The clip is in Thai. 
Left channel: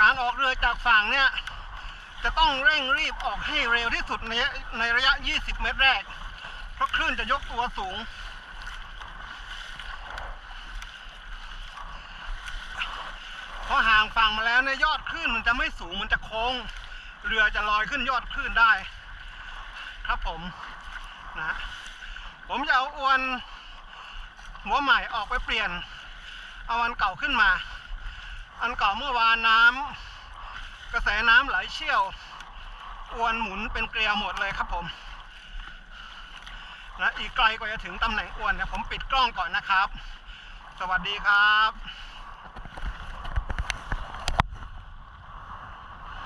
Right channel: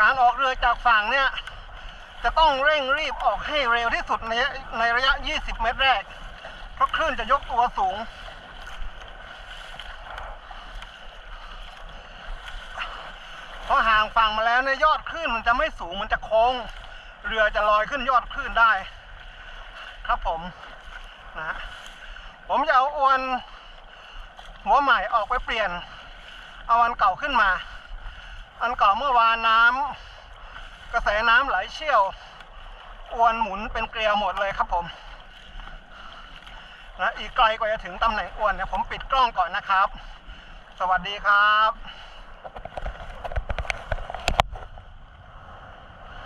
การออกเรือจากฝั่งเนี่ยจะต้องเร่งรีบออกให้เร็วที่สุดในระยะ20 เมตรแรกเพราะคลื่นจะยกตัวสูงพอห่างฝั่งมาแล้วเนี่ยยอดคลื่นมันจะไม่สูงมันจะโค้งเรือจะลอยขึ้นยอดคลื่นได้ครับผมนะผมจะเอาอวนหัวใหม่ออกไปเปลี่ยนเอาอันเก่าขึ้นมาอันเก่าเมื่อวานกระแสน้ำไหลเชี่ยวอวนหมุนเป็นเกลียวหมดเลยครับผมนะอีกไกลกว่าจะถึงตำแหน่งอวนเนี่ยผมปิดกล้องก่อนนะครับสวัสดีครับ